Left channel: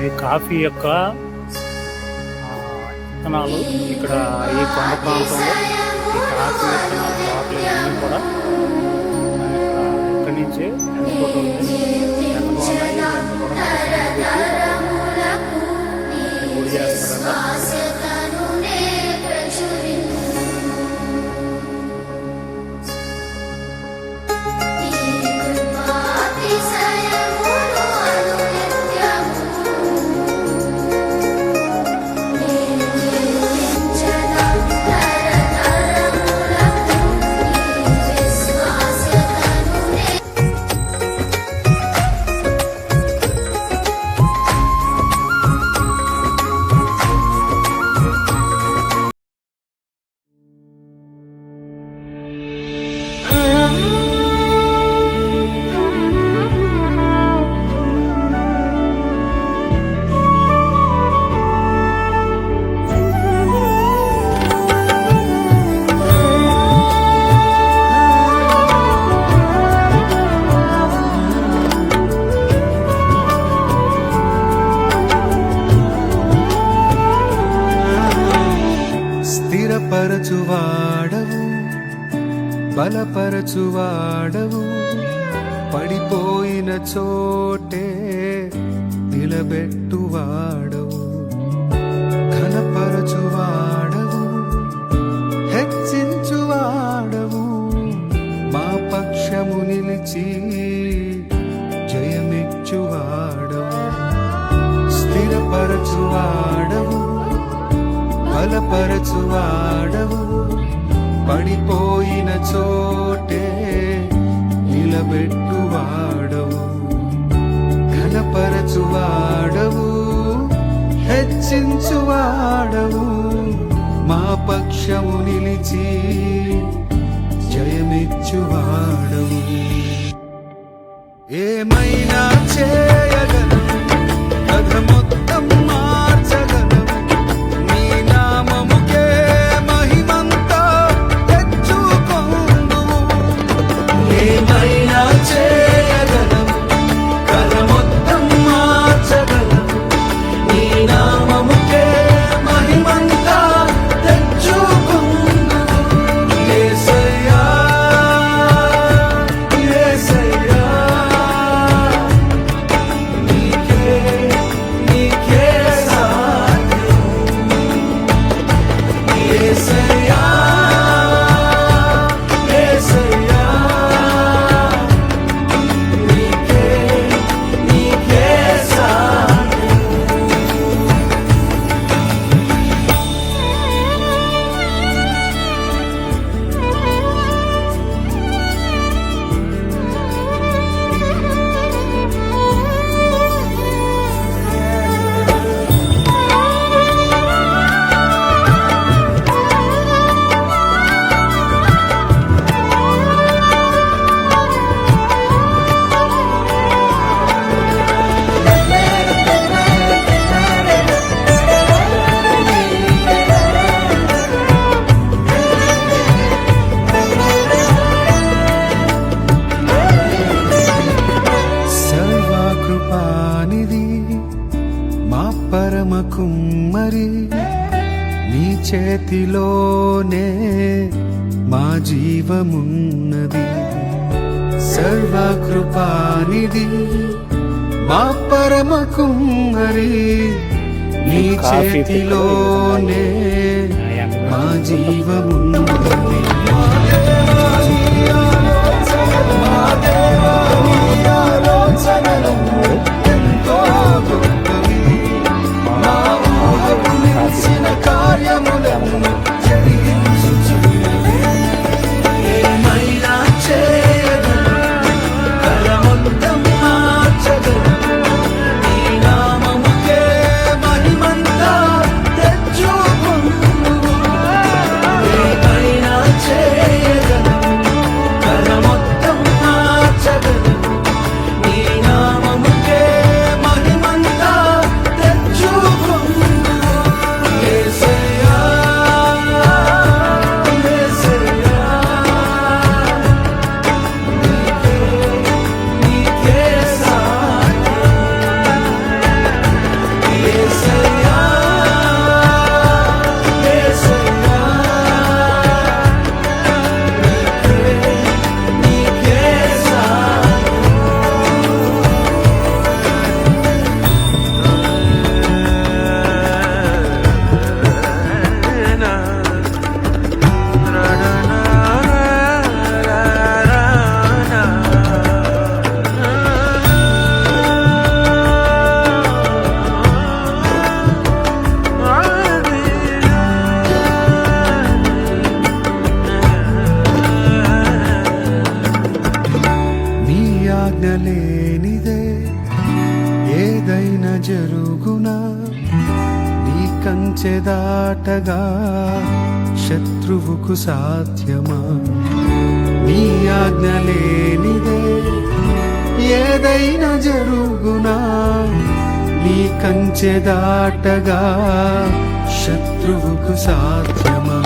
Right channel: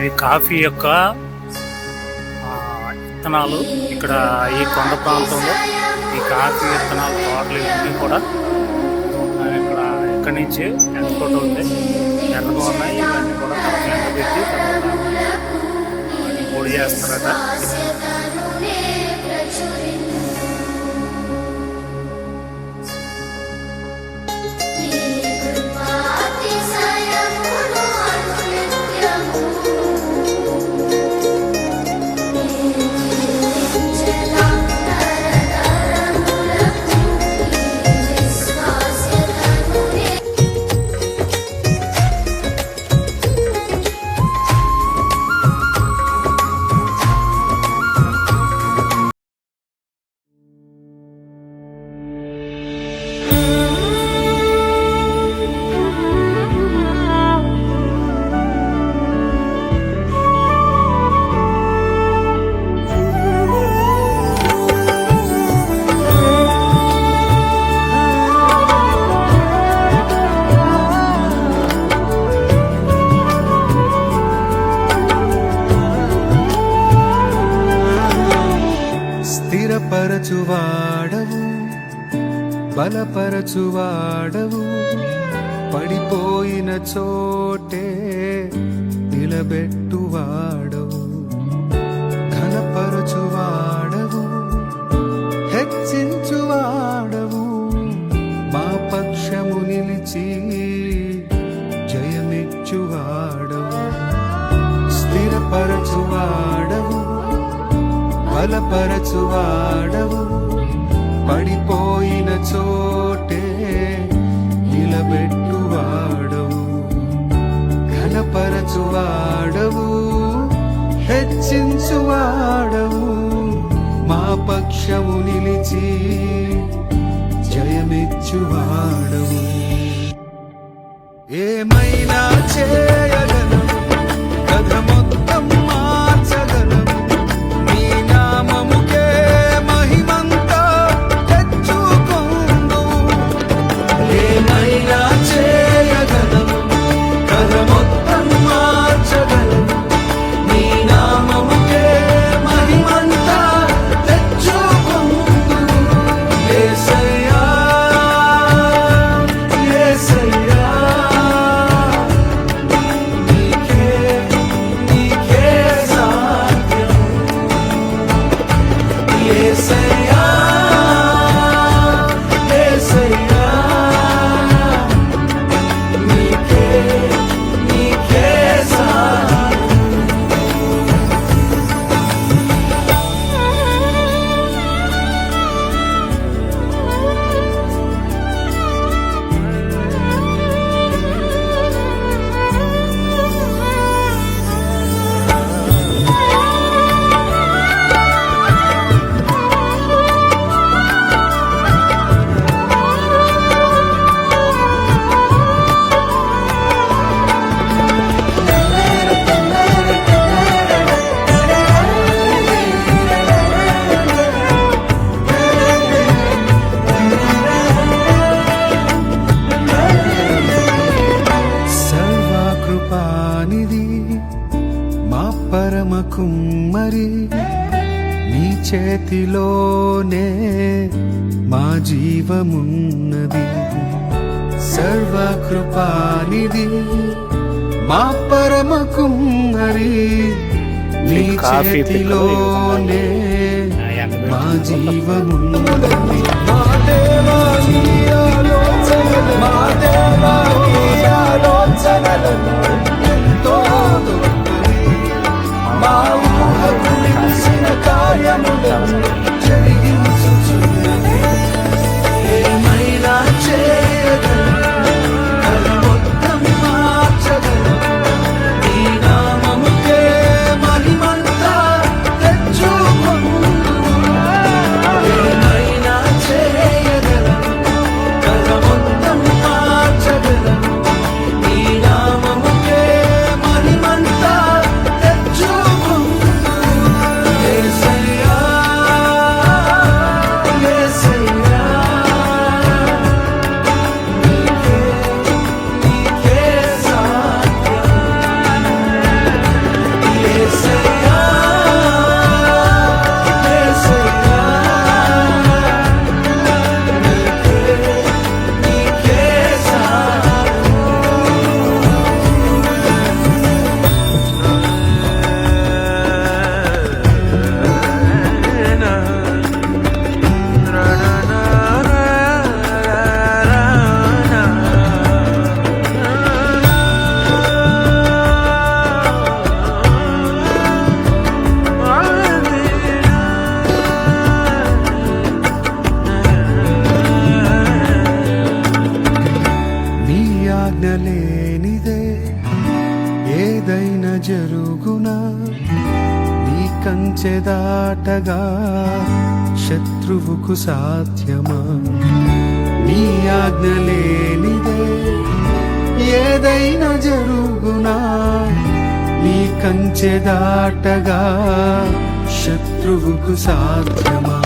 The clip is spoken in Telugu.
ఇది కాఫీ యొక్క విత్తనాలు. ఇక్కడ ఈ కొండ ప్రాంతంలో ఈ కాఫీ విత్తనాలు తోటలు ఇవన్నీ కూడా ఇక్కడి నుంచి ఎండకోట ఎర్రగా ఉన్నాయి. ఇవన్నీ కూడా ఎండబెట్టి పొడి చేస్తారట. స్థిరపరచువాడవు, బలపరచువాడవు, పడిపోయిన చోటే నిలబెట్టువాడవు, ఘనపరచువాడవు, హెచ్చించువాడవు, మా పక్షము నిలిచి జయమిచ్చువాడవు. స్థిరపరచువాడవు, బలపరచువాడవు, పడిపోయిన చోటే నిలబెట్టువాడవు, ఘనపరచువాడవు, హెచ్చించువాడవు, మా పక్షము నిలిచి జయమిచ్చువాడవు. ఏమైనా చేయగలవు, కథ మొత్తం మార్చగలవు, నీ నామముకే మహిమంతా తెచ్చుకొందువు. ఏమైనా చేయగలవు, కథ మొత్తం మార్చగలవు, నీ నామముకే మహిమంతా తెచ్చుకొందువు. యేసయ్యా, యేసయ్యా, నీకే నీకే సాధ్యం. యేసయ్యా, యేసయ్యా, నీకే నీకే సాధ్యం. సర్వకృపానిధి మా పరమ కుమ్మరి, నీ చేతిలోనే మా జీవమున్నది. సర్వకృపానిధి మా పరమ కుమ్మరి, నీ చేతిలోనే మా జీవమున్నది. ఏమైనా చేయగలవు, కథ మొత్తం మార్చగలవు, నీ నామముకే మహిమంతా తెచ్చుకొందువు. ఏమైనా చేయగలవు, కథ మొత్తం మార్చగలవు, ఏదైనా జరుగునా నీ కంచె దాటగా శత్రువుకు సాధ్యమా నీ ఆజ్ఞ లేనిదే ఏదైనా జరుగునా నీ కంచె దాటగా శత్రువుకు సాధ్యమా